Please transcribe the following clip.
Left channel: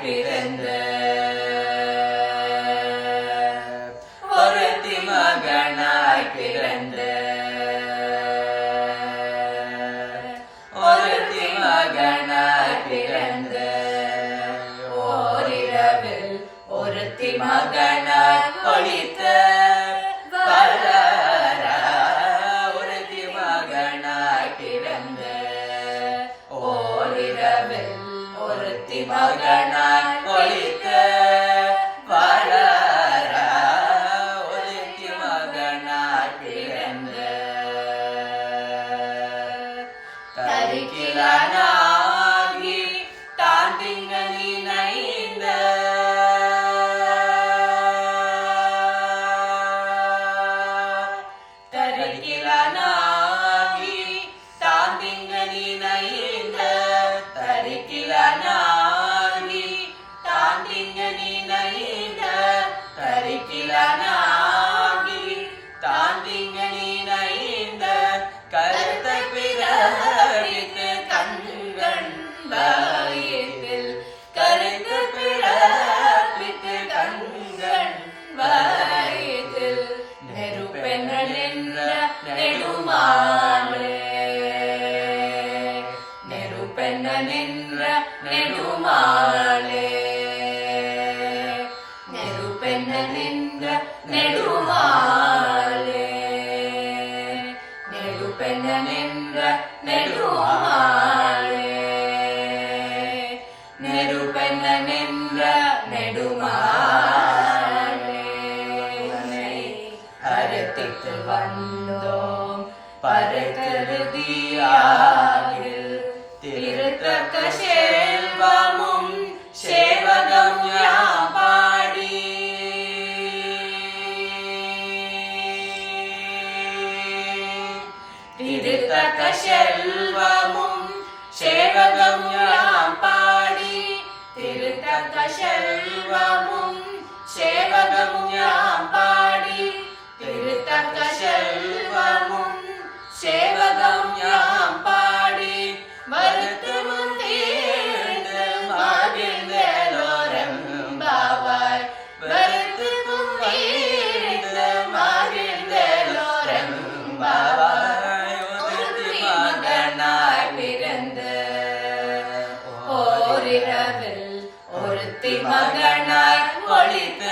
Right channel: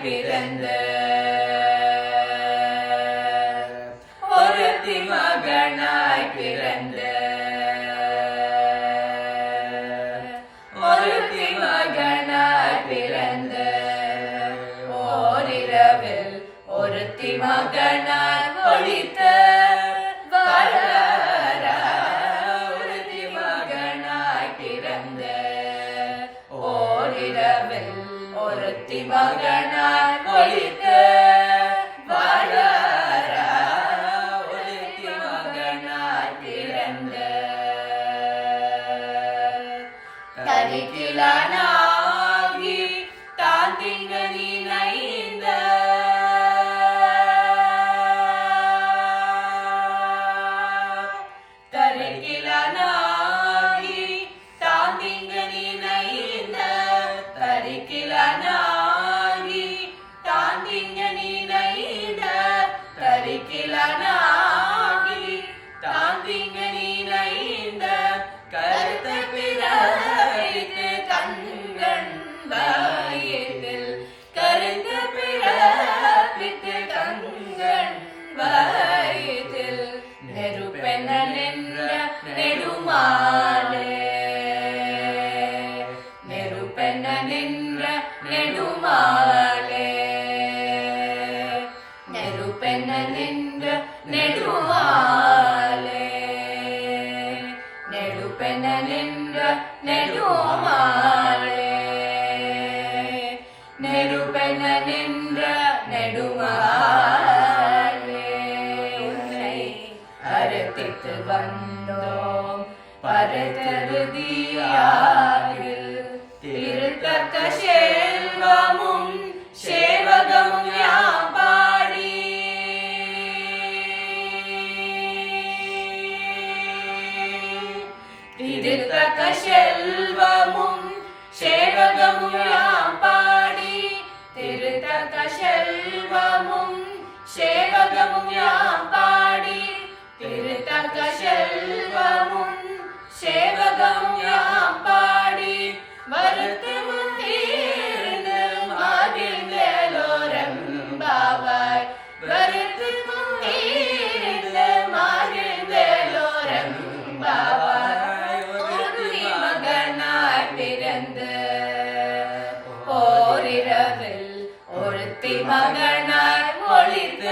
பிறந்த ஒருத்தி மகனாய் பிறந்த ஒருத்தி மகனாய் பிறந்த ஓரிரவில் ஒருத்தி மகனாய் ஒளித்த ஒருத்தி மகனாய் பிறந்த ஓரிரவில் ஒருத்தி மகனாய் ஒளித்த ஒருத்தி மகனாய் பிறந்த தரிக்கிலானாகி தாண்டிங்க நினைந்த தரிக்கிலானாகி தாண்டிங்க நினைந்த தரிக்கிலானாகி தாண்டிங்க நினைந்த தரிக்கிலானாகி தாண்டிங்க நினைந்த கருத்தை பிறப்பித்து தங்கண் வாயத்தில் கருத்து பிறப்பித்து தங்கண் வாயத்தில் நெருப்பெண்ணல் என்ற நெடுமாலே நெருப்பெண்ணல் என்ற நெடுமாலே நெருப்பெண்ணல் என்ற நெடுமாலே நெருப்பெண்ணல் என்ற நெடுமாலே நெருப்பெண்ணல் என்ற நெடுமாலே அறுத்திட்டு வந்தோம் பருத்தருதியாகில் திருத்தக்க செல்வமும் சேவகம் யாம் பாடி திருத்தக்க செல்வமும் சேவகம் யாம் பாடி திருத்தக்க செல்வமும் சேவகமும் யாம் பாடி திருத்தக்க செல்வமும் சேவகமும் யாம் பாடி வருத்து முந்தீர்ந்து மகிழ்ந்தேலோரெம்பாவாய் வருத்து முந்தீர்ந்து மகிழ்ந்தேலோரெம்பாவாய் ஒருத்தி மகனாய் பிறந்த ஓரிரவில் ஒருத்தி மகனாய் ஒளித்த